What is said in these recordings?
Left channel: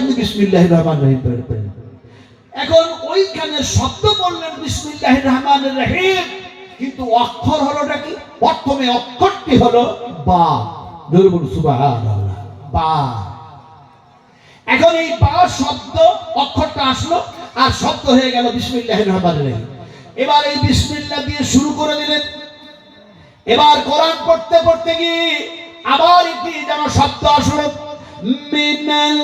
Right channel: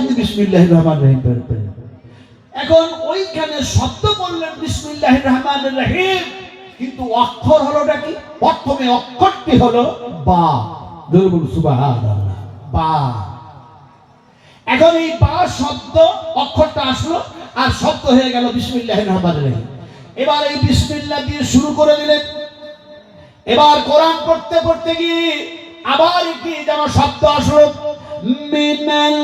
আপনি বিসমিল্লাহ রহমান রহিম পড়বেন এখন ওইখানে শব্দ বললেন বিসমিল্লাহ রহমান রহিম। কিন্তু অক্ষর হলোটা কি? প্রথমে অক্ষরটি হলো বা। দুর্বল সুবাহ বা। এখন এই বা শব্দ, অক্ষরটা আসলো আর শব্দ হয়ে গেল বিসমিল্লাহ রহমান রহিম। এবার এই বিসমিল্লাহ দিয়ে শুরু করে দিলেন। এবার কোরআন পড়তে পড়তে গিয়ে আবার একটি যেন শব্দ আসলো, মিনাল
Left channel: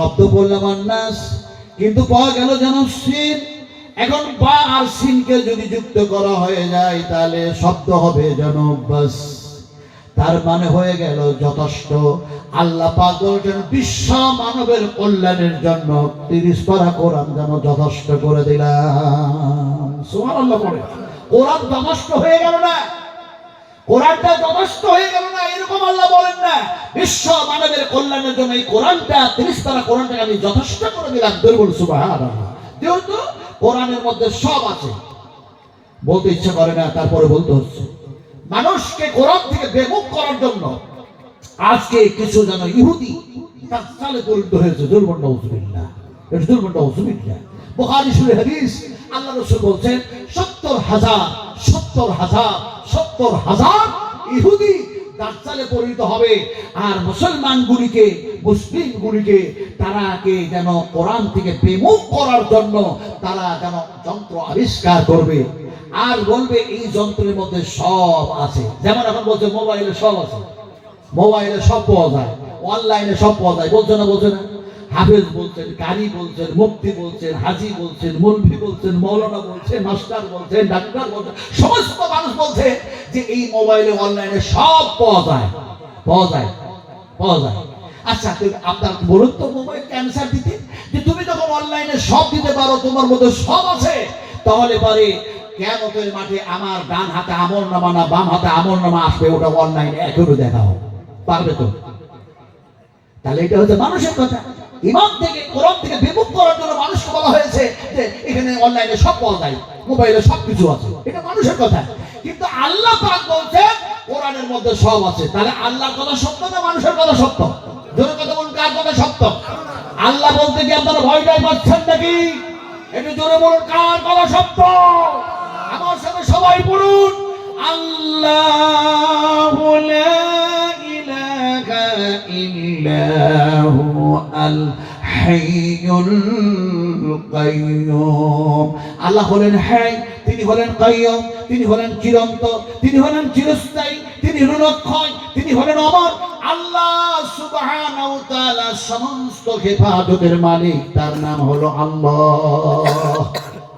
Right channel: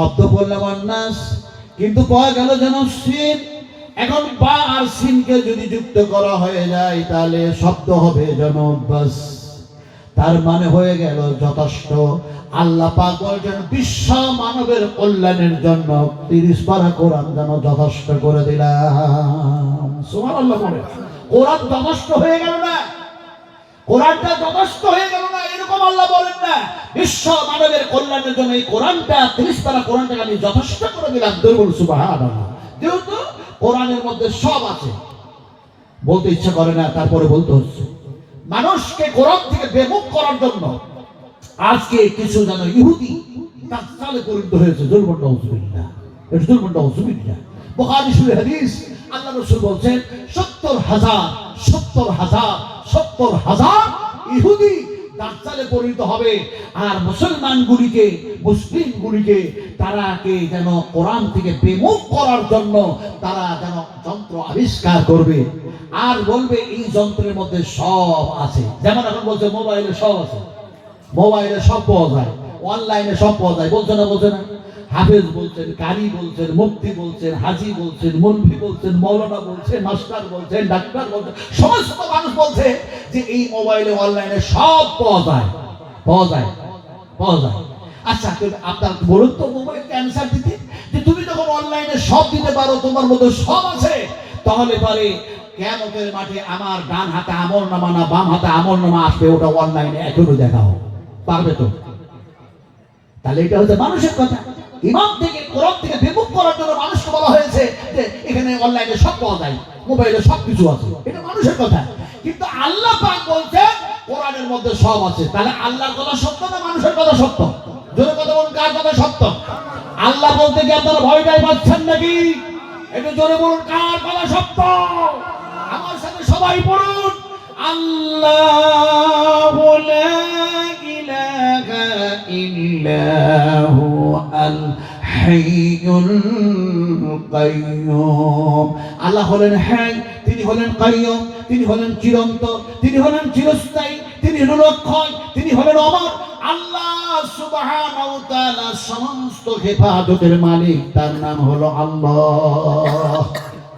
শব্দ বললাম অন্যাস কিন্তু পাওয়া গেল যেন সিন। এখন বা আর সিনকে যদি যুক্ত করা হয়ে যায়, তাহলে শব্দ হবে যেন বাস। তার মানে হয়ে গেল যথেষ্ট। আল্লাহ পাক বলছেন, বিশ্ব মানবের কল্যাণের জন্য তিরিশ পারা কোরআন যেন যথেষ্ট করে দিলাম। সুবহানাল্লাহ বলে কোরআন যথেষ্ট হয়ে গেল না? কোরআনটা যথেষ্ট হয়ে গেল আল্লাহ বলেন না, বিশ্ব মানবের কল্যাণের জন্য এই কোরআনটা তিরিশ পারা কোরআনটাকে আমি যথেষ্ট করে দিলাম দুর্বল সুবহানাল্লাহ। যেহেতু কোরআনের মধ্যে সব আছে। বলতে ইচ্ছা করে না, তারপরে বলতে হচ্ছে। মানুষকে কোরআন থেকে বেমুখ করার জন্য আজকে কিছু যেন ইহুদি তার পরিণত হয়েছে দুর্বল নজুবিল্লাহ এটা দুর্বল নজুবিল্লাহ বুখারী শুনে হাদিস, আল্লাহ রাসূল বলছেন, সত্তর হাজার সত্তর হাজার সত্তর হাজার ইহুদি দাজ্জালে পরিণত হবে। আর মুসলমানগুলিকে, মুসলিমগুলিকে তারাকে যেন কোরআন থেকে বিমুখ করার জন্য তারা যেন যন্ত্র আবিষ্কার করবে। আর বলবে, এই যন্ত্রের মধ্যে সব আছে। যেমন এখন বলছে, মোবাইলে সব আছে। মোবাইলে সব পাওয়া যায়। অনলাইনে সব পাওয়া যায়। বলছে না বলছে না। হাফেজ বলছেন কারি বলছেন, মুফতি বলছেন, হাজি বলছেন মুলভি বলছেন, মৌলানা বলছেন, মাস্টার বলছেন, ডাক্তার বলছেন, সমস্ত মানুষ বলছে যে এই মোবাইলে, অনলাইনে সব পাওয়া যায়। পাওয়া যায় পাওয়া যায়। আচ্ছা আপনার বলুন তো মোবাইল ক্যান্সার দিতে? যে তুমি যখন অনলাইনে সব দিতে পারো, তোমার মধ্যে সব আছে, তাহলে পরে কেমতের মাঠে আমার ডান হাতে আমল নামা না বাম হাতে আমল নামা আসবে, ওটা অনলাইনে এখনও দেখাও পারবে তো? তাহলে এটা হচ্ছে মানুষের কথা। ইমাম থেকে, কোরআন থেকে বিমুখ করার জন্য মানুষকে বলা হয়েছে যে এখানে অনলাইনে সব পাওয়া যায়, মোবাইলে সব কিছু আছে। এটা মানুষের কথা। কিন্তু আল্লাহ পাক বলছে কোরআনের মধ্যে সব আছে। তাহলে আল্লাহর কথা সত্য না মানুষের কথা সত্য? জোরে কথা বলুন, কার কথা সত্য? আল্লাহ বলতে কি আপনারা ভয় ভয় পাচ্ছেন নাকি? একটু জোরে বলুন, কার কথা সত্য? আমার সাথে সবাই বলুন আল্লাহ লা ইলাহা ইল্লাহু আল হাইয়ুল কাইয়ুম আল্লাহ হলেন হ্যাঁ তিনি হলেন কাইয়ুম, তিনি হলেন চিরন্ত, তিনি হলেন চিরস্থায়ী, তিনি হলেন অক্ষয় তিনি হলেন অমর। আল্লাহ সুবহানাহু সমস্ত হেফাজতের মালিক, তার নাম হলো আল্লাহ।